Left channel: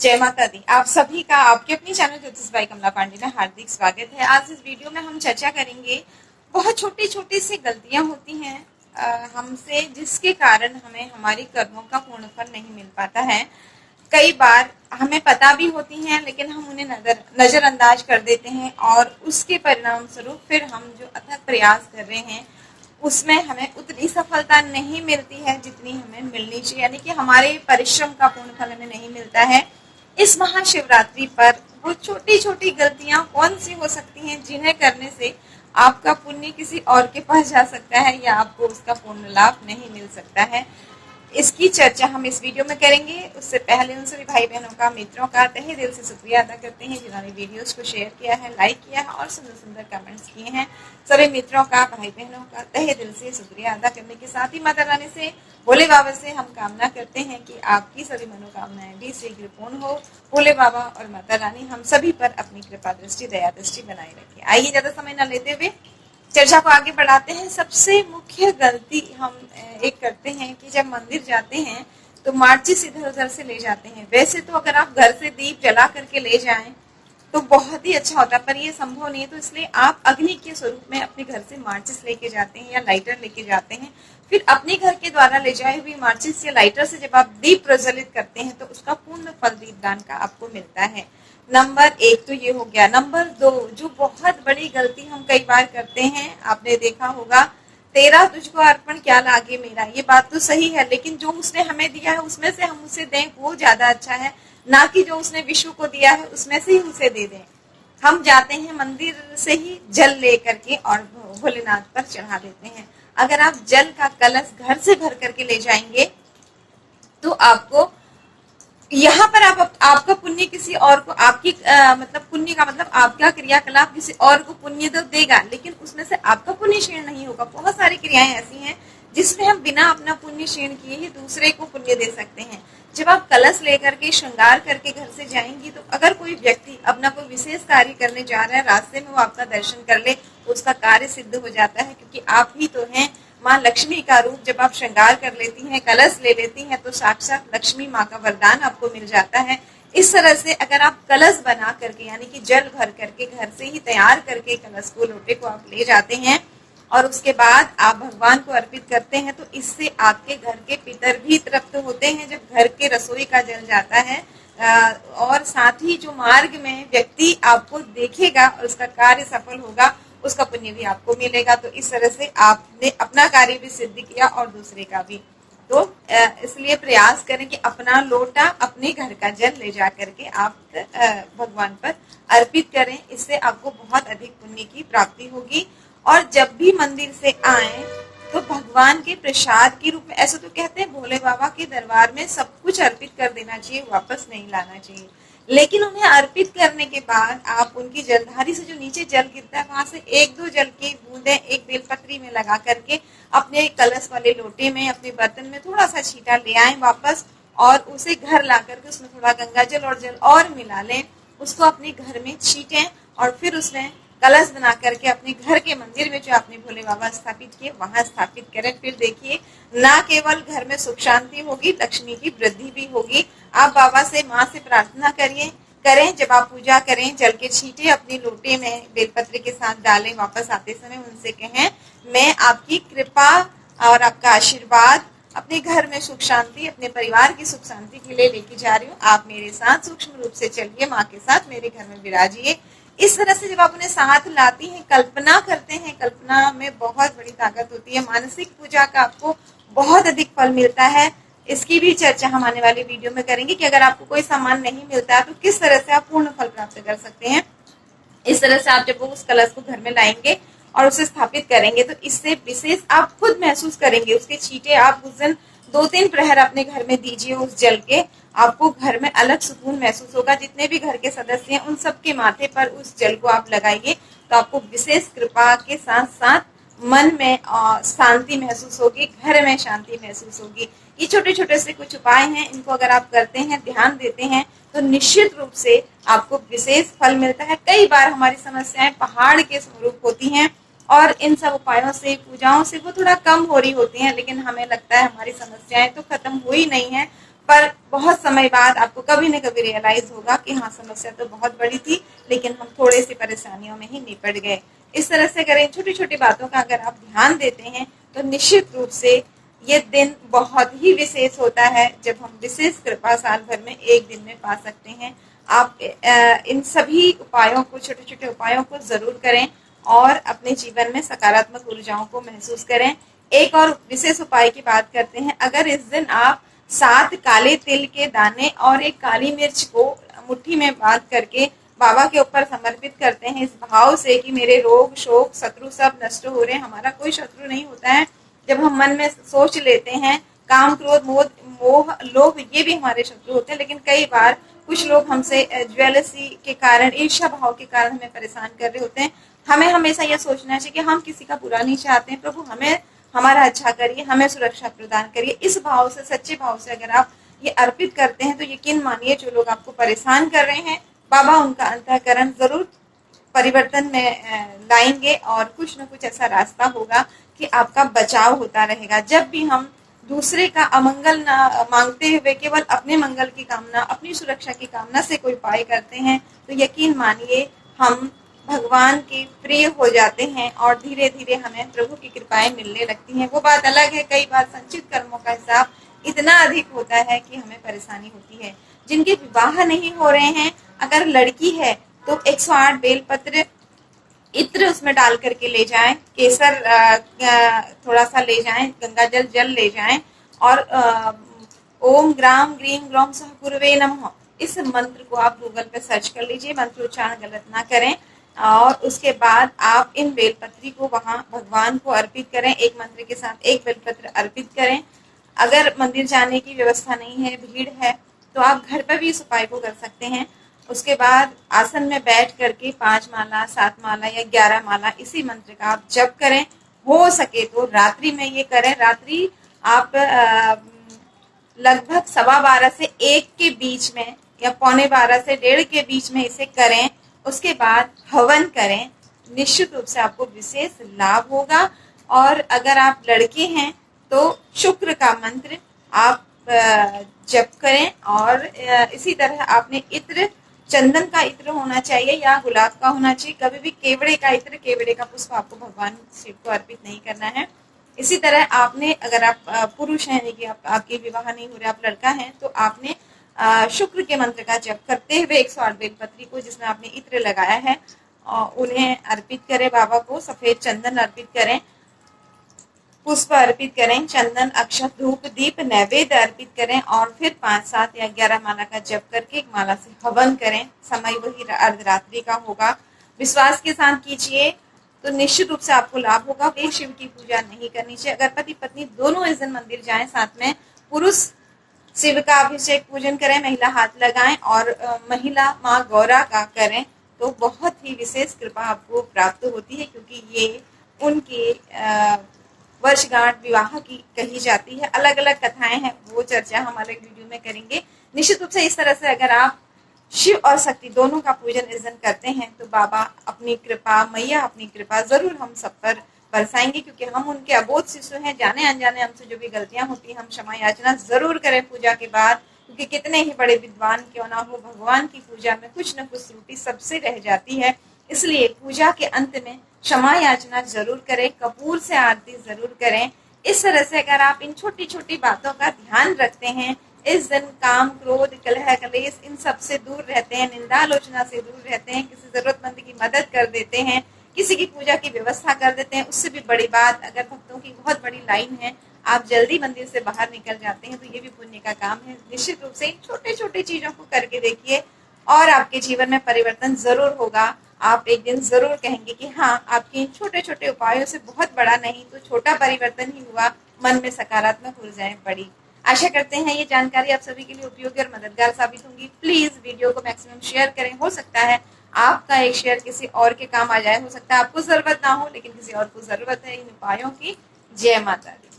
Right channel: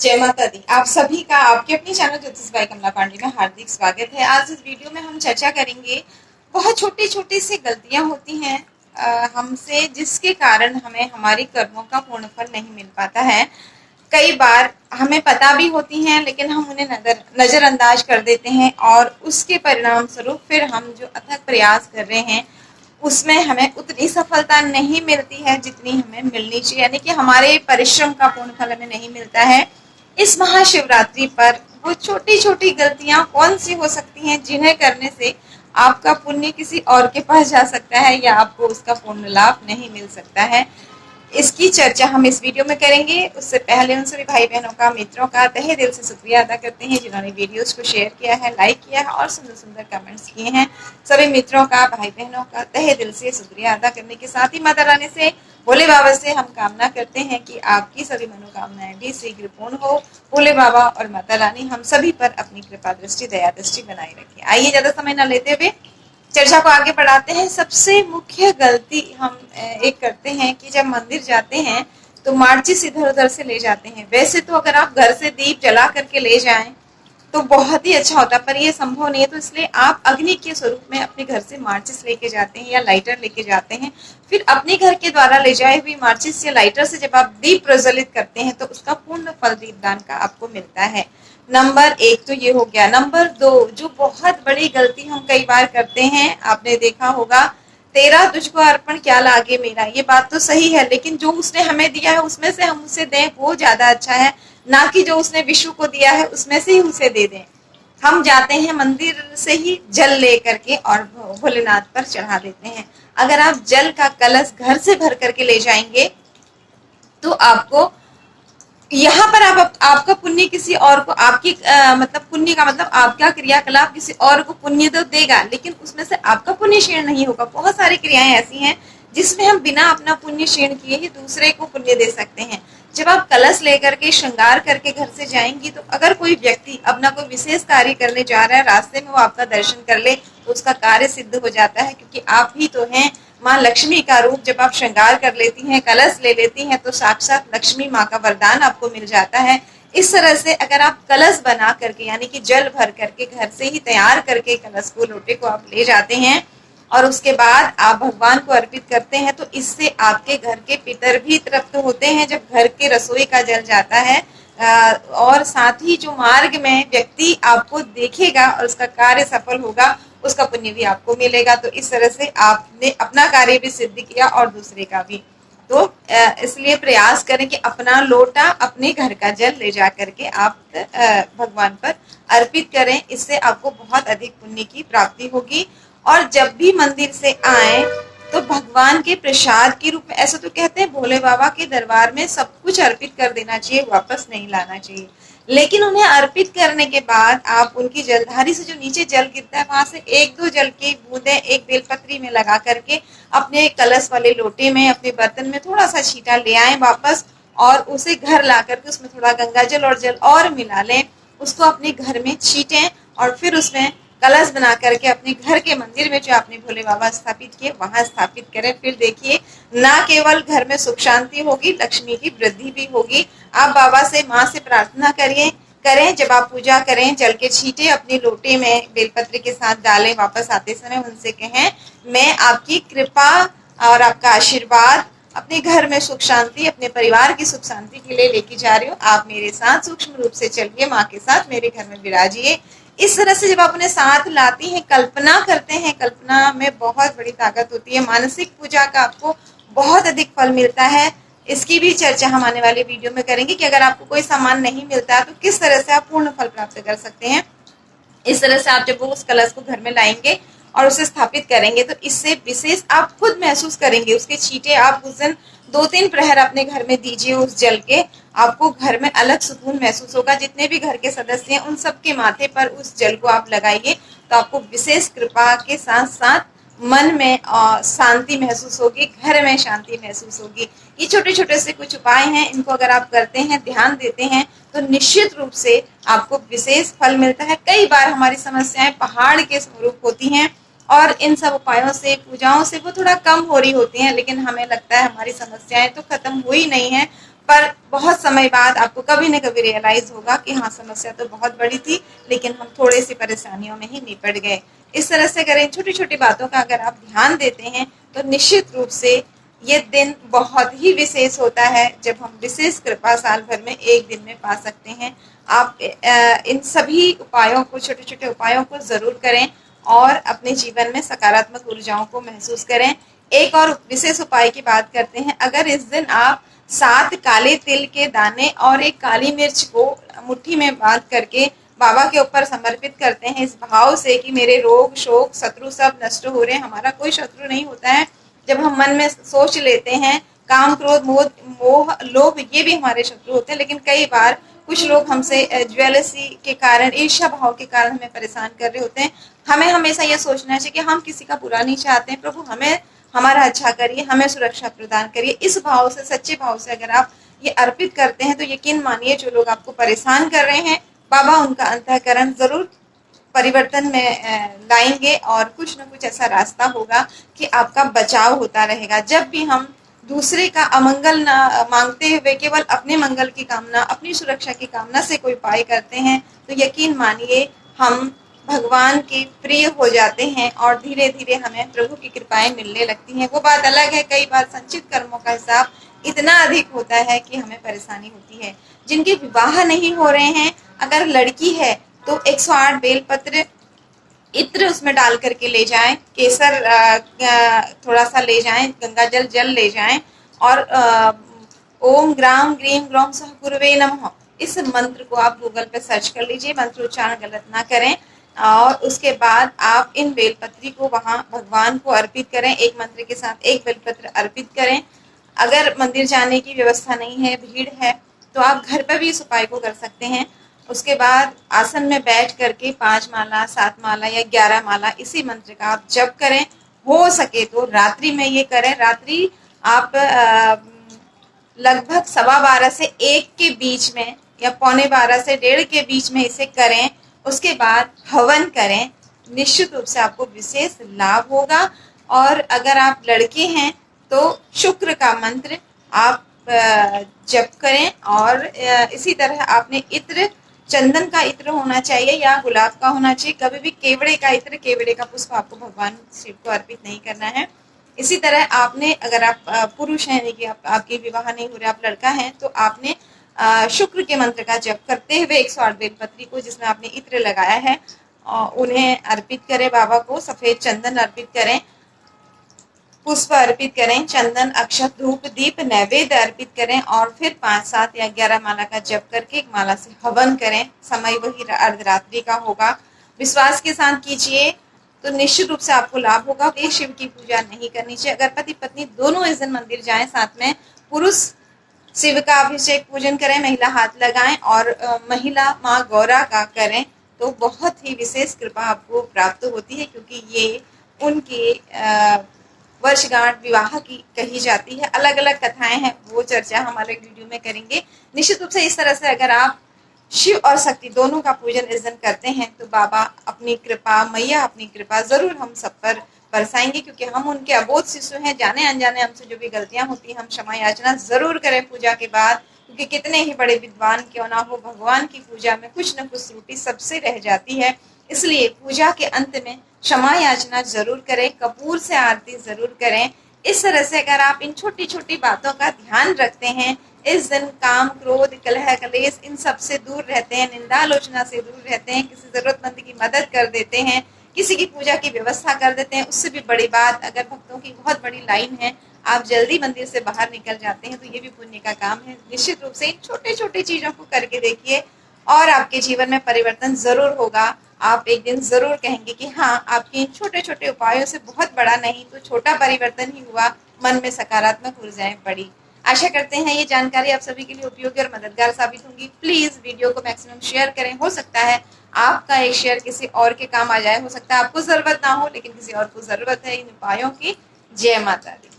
जय माता दी। आप सभी का आपके अपने चैनल ज्योतिष बाई कमला पांडे में हार्दिक स्वागत है। आज इस वीडियो में हम चर्चा करेंगे, बहुत छोटी छोटी सी गलतियां होती हैं हमसे, जिसके कारण हमें हमारी कर्मों का पूर्ण फल नहीं मिल पाता है। कई बार हमें पता भी होती हैं, लेकिन हम उन्हें नजरअंदाज कर देते हैं और उसके परिणाम स्वरूप फिर हम जो अथक प्रयास कर रहे हैं उसमें हमें उतनी सफलता नहीं मिलती है जितनी हमें मिलनी चाहिए, यानी कि हमारे परिश्रम का पूर्ण फल हमें नहीं मिलता है। इस महाशिवरात्रि पर वो छोटी छोटी गलतियां कौन सी हो सकती हैं जिन्हें करने से आपका पुण्य किसी और के पास जा सकता है या आपको उसका पूर्ण लाभ नहीं मिल सकता है, इसकी चर्चा हम इस वीडियो में करेंगे। उससे पहले उन सभी भाई बहनों का, मित्रों का तहे दिल से शुक्रिया अदा करते हैं जिन्होंने वीडियोस को शेयर किया है, लाइक किया है और सुंदर सुंदर कमेंट्स किए हैं। सभी मित्रों का, भाई बहनों का तहे दिल से शुक्रिया अदा करने के साथ ही माता रानी से, भोले बाबा से हम कामना करते हैं कि आपकी सभी मनोकामनाएं भी शीघ्र पूर्ण हो। भोले बाबा और माता रानी हम सभी पर अपनी कृपा दृष्टि, दया दृष्टि बनाए रखें। आइए ज्यादा समय न लेते हुए चर्चा को आगे बढ़ाते हैं। सबसे मुख्य गलती हम एक करते हैं कि जब मंदिर जाते हैं तो माचिस इधर उधर से ले जाते हैं। वैसे तो अगर आप घर से दीप जला करके ले जाएं तो बहुत ही अच्छा होता, पर ये संभव नहीं है, तो इसलिए आप अग्नि के स्वरूप में अपने घर से माचिस लेके जाते हैं या लाइटर लेके जाते हैं। फिर अपने घर के द्वारा ले जाए हुई माचिस या लाइटर से जब आप दीप प्रज्वलित करते हैं तो उसका पूर्ण फल दीपदान का आपको मिलता है। नंबर 1 तो ये हो गया। नंबर 2, जो बहुत बड़ी गलती हम कई बार करते हैं, आपने देखा होगा, तेरा तुझको अर्पण क्या लागे मेरा। ये बात तो सही है, लेकिन जो उसने हमें दिया है उसमें से हम उसे दें वो ज्यादा अच्छा है, ना कि जो उसने विश्व को दिया है उसमें से ही उसे दे दें। हम जाते हैं मंदिर से ही जल ले करके और भोलेनाथ पर चढ़ा देते हैं। अगर आप जल का कलश घर से भर करके ले जाएंगे तो आपको यहाँ पर आपका पुण्य किसी और को, आपकी मतलब पुण्य का मतलब आपका क्रियाकलाप किसी और को पुण्य तो देगा, लेकिन उसमें से आपका पुण्य क्षीण नहीं होगा। बहुत सारी क्रियाएं ऐसी हैं जिसमें हम बिना अपना पुण्य क्षीण किए ही दूसरे को पुण्य दे सकते हैं। जब आप कलश लेकर के श्रृंगार करके घर से जाएंगी तो अगर कोई व्यक्ति अपना कोई विशेष कार्य करने जा रहा है, रास्ते में वो आपका दर्शन कर ले तो उसका कार्य सिद्ध हो जाता है, क्योंकि आप ही तो हैं माँ लक्ष्मी का रूप। जब आप श्रृंगार कर लेती हैं, कलश ले लेती हैं, तो साक्षात लक्ष्मी माँ का वरदान आपको मिल जाता है। इस तरह से अगर आप कलश बना करके, यानी कि जल भर करके घर से ही तैयार करके कलश को, लोटे को आप ले जाते हैं और उसके बाद आप भगवान को अर्पित करते हैं, तो इससे आपके घर के पितर भी तृप्त होते हैं जब घर के रसोई का जल जाता है। और साथ ही जो मार्ग में व्यक्ति आपको देखेगा और उसका कार्य सफल होगा, उसका पुण्य भी आपको मिलेगा। तो इस तरह से आपने अपना कार्य भी सिद्ध किया और दूसरे का भी। तो इसलिए प्रयास करें कि अपना लोटा, अपने घर का जल ले जा करके आप भगवान पर अर्पित करें। इससे आपको बहुत अधिक पुण्य की प्राप्ति होगी। और जब भी मंदिर से आए तो भगवान के प्रसाद के रूप में, ऐसा तो कहते हैं भोले बाबा के दरबार में सब कुछ अर्पित कर देना चाहिए, वापस नहीं लाना चाहिए। लेकिन उन्हें अर्पित करने के बाद आप उनकी जलधारी से जो नीचे जल गिरता है वहां से एक दो जल की बूंदे एक बेलपत्री में लगा करके अपने कलश वाले लोटे में, अपने बर्तन में थोड़ा सा छींटा ले आए वापस, और उसे घर ला करके उसमें थोड़ा गंगा जल और जल और मिला लें, उसको अपने घर में छींटें और फिर उसमें कलश बना करके अपने घर के मंदिर में जो आपने भोले बाबा स्थापित किए वहां स्थापित करें। फिर देखिए, ना केवल घर में सुख शांति होगी, लक्ष्मी की वृद्धि भी होगी। आप बाबा से, माँ से प्रार्थना करें, जब आप पूजा करें जल के छींटे अपने लोटे में बेलपत्र के साथ डालें, वापस आते समय उनसे कहें, मैं आपकी कृपा और आपका आशीर्वाद अपने घर में सुख शांति, अपने परिवार की सुख शांति के लिए लेके जा रही हूँ। आप मेरे साथ सूक्ष्म रूप से चलिए, माँ के साथ मेरे घर में विराजिए। इस तरह से जब आप अपने साथ लाती हैं, कल्पना करते हैं, कल्पना में बहुत बड़ी ताकत होती है। मानसिक पूजा का आपको बहुत अधिक फल मिलता है। इसकी भी चर्चा हम आने वाले वीडियो में करेंगे कि अगर आपको कोई सामान नहीं मिलता है तो किस तरह से आप पूर्ण फल प्राप्त कर सकते हैं। इस तरह से आप जब वो उस कलश को घर में लाएंगे और उसे स्थापित करेंगे तो इससे विशेष आप खुद महसूस करेंगे। उसके छींटे आप उस दिन 2-3 प्रहर अपने घर में दीजिए उस जल के, आपको घर में अलग सुकून महसूस होगा। जितने भी घर के सदस्य हैं उन सबके माथे पर उस जल को आप लगाइए तो आपको विशेष कृपा के साथ साथ मन में शांति महसूस होगी, घर में शांति महसूस होगी। ये छोटे छोटे से कुछ उपाय हैं, इनको अगर आप करते हैं, ध्यान देते हैं तो निश्चित रूप से आपको विशेष फल मिलता है। कई बार हमारी समस्याएं पहाड़ के स्वरूप होती हैं और इन सब उपायों से, पूजाओं से वो थोड़ा कम हो रही होती हैं, लेकिन हमें लगता है हमारी समस्याएं तो खत्म हुई नहीं है, पर बहुत समय बाद आपको कभी न कभी रियलाइज होगा कि हाँ, समस्या तो बहुत बड़ी थी, लेकिन हम थोड़ी सी परेशानियों में ही निपट गए। इस तरह से अगर इन छोटी छोटी बातों का अगर आप ध्यान देते हैं तो निश्चित रूप से ये दिन बहुत ही विशेष होता है, जब हम विशेष कृपा साल भर में एक दिन में पा सकते हैं। आप इन सभी उपायों को, छोटे छोटे उपायों को जरूर करें और अपने जीवन में सकारात्मक ऊर्जाओं को महसूस करें। एक और विशेष उपाय की बात करते हैं। अगर इस दिन आप 7 काले तिल के दाने और एक काली मिर्च को मुट्ठी में बांध करके बाबा के ऊपर समर्पित करते हैं, इस भाव से कि मेरे रोग, शोक, शत्रु सब नष्ट हो रहे हैं। हमारा कोई शत्रु नहीं होता है। जब हम मन में सोच लेते हैं, काम, क्रोध, मोह, लोभ, ये भी हमारे शत्रु होते हैं। लेकिन कई बार कुछ लोग हमसे ज्वेलसी के कारण, ईर्ष्या भाव के कारण हमें परेशान कर रहे होते हैं। हमें हमेशा यह सोचना चाहिए कि हम किसी का बुरा नहीं चाहते हैं। प्रभु हमें हमारा अच्छा करिए, हमें सुरक्षा प्रदान करिए। इस भाव से, सच्चे भाव से अगर आप ये अर्पित करते हैं तो यकीन मानिए, जो लोग आपको परेशान कर रहे हैं, बाबा उनका अंतःकरण जरूर परिवर्तन में लाएंगे और कुछ न कुछ ऐसा रास्ता होगा कि आपका बचाव होता रहेगा। जब भी हम दूसरे का अमंगल ना मांगते हुए केवल अपने मंगल की कामना, अपनी सुरक्षा की कामना से कोई उपाय करते हैं तो यकीन मानिए हम भगवान के प्रिय हो जाते हैं और धीरे धीरे हमें प्रभु की कृपाएं मिलने लगती हैं। वो बात अलग है, कई बार संचित कर्मों का हिसाब इतना अधिक होता है कि हमें परेशानी होती है। जिनके विवाह नहीं हो रहे हैं, अगर लड़की है तो 108 बेलपत्र, इत्र उसमें डाल करके ले जाएं, केसर थोड़ा सा ले जाएं, गंगा जल ले जाएं और ओम ग्राम ग्रीम ग्रोम सह गुरुवे नमः, इस मंत्र को आप गूगल पे सर्च कर लीजिए। मंत्र उच्चारण गलत ना करें। और उसके बाद आप इन बेलपत्री को वहां भगवान को अर्पित करें। एक मंत्र के साथ एक बेलपत्र अर्पित करें। अगर मंदिर जाने की व्यवस्था नहीं है, भीड़ है, तो आप घर पर भी इस उपाय को कर सकते हैं। उसके बाद आसन में बैठ करके 5 माला, 7 माला या 11 माला इसी मंत्र का आप जप करें। हो सके तो रात्रि में ये करें। रात्रि आप लगभग 12:15 से 1 के बीच में या 11:45 से 1:30 के बीच में इसे करें। उसके बाद हवन करें। निश्चित रूप से आपको विशेष लाभ होगा। और अगर आप लड़के हैं तो शुक्र का मंत्र आप जप करें। और इसी तरह आपने इत्र, चंदन का इत्र होना चाहिए या गुलाब का होना चाहिए। कभी भी केवड़े का इत्र, केवड़े का पुष्प आपको भगवान शिव को अर्पित नहीं करना है। इसी तरह आपने, अगर आप पुरुष हैं, यानी कि आपके विवाह नहीं हो रहे, आप लड़का है, तो आपने शुक्र के मंत्र का जप करते हुए 108 बेलपत्री को, जिसमें आपने इत्र लगाया है, उन्हें अर्पित करें। बाबा को सफेद चंदन अर्पित करें, पुष्प अर्पित करें, चंदन, अक्षत, धूप, दीप, नैवेद्य अर्पित करें और फिर 5, 7 या 11 माला का जप करके एक माला से हवन करें। समय वही अर्धरात्रि का होगा। विश्वास के साथ कीजिए तो निश्चित रूप से आपको लाभ होगा। वे शिव की पूजा नहीं करनी चाहिए। अगर पति पत्नी दोनों इस दिन मंदिर जाएं, साथ में पुरुष शिव का अभिषेक पूजन करें, महिला हाथ लगाएं और महिला माँ गौरा का करें तो बहुत ही विशेष कृपा आपको प्राप्त होती है, क्योंकि ये उनके वर्षगांठ विवाह की कही जाती है। अलग अलग कथाएं हैं, वो चर्चा हम अलग वीडियो में करेंगे। निश्चित रूप से इस तरह से अगर आप शिव और शक्ति दोनों का पूजन इस दिन करते हैं तो बाबा अपनी कृपा, मैया अपनी कृपा जरूर हम सब पर बरसाएंगे, क्योंकि हम उनके अबोध शिशु हैं। जाने अनजाने हमसे जो भी गलतियां होती हैं, हम क्षमा याचना जरूर करें पूजा के बाद, क्योंकि कितने ही बड़े विद्वान क्यों ना हो, भगवान की पूजा में कुछ न कुछ त्रुटि सबसे रह जाती है। इसलिए पूजा के अंत में क्षमा याचना जरूर करें, कपूर से आरती जरूर करें। इस तरह से अगर आप इन छोटी छोटी बातों का ध्यान रखते हैं, इस दिन काम, क्रोध, कलह, कलेश इन सब से दूर रहते हैं, निंदा आलोचना से दूर रहते हैं, किसी जरूरतमंद की मदद कर देते हैं, किसी की पूजा की व्यवस्था कर देते हैं, उससे भी बड़ी बात, अगर भक्तों की बहुत बड़ी लाइन है, आप जल्दी मंदिर से बाहर निकल जाते हैं, तो ये भी पुण्य का काम है। निश्चित रूप से इन छोटे छोटे चीजों को करके देखिए और आपके जीवन में परिवर्तन जरूर होगा। आप एक दिन जरूर कहेंगे कि हाँ, आपके इन छोटे छोटे उपायों से बहुत बड़ा नहीं तो छोटा परिवर्तन ही हुआ, मन में सकारात्मक ऊर्जाएं बढ़ी। आशा करते हैं ये जानकारी आप सभी के लिए उपयोगी और मददगार साबित होंगी। प्लीज वीडियो को मैक्सिमम शेयर करें। हो सकता है आपका ये शेयर किसी और के काम आ जाए, हो सकता है आपको जरूरत ना हो लेकिन किसी और को जरूरत है इन उपायों की। जय माता दी।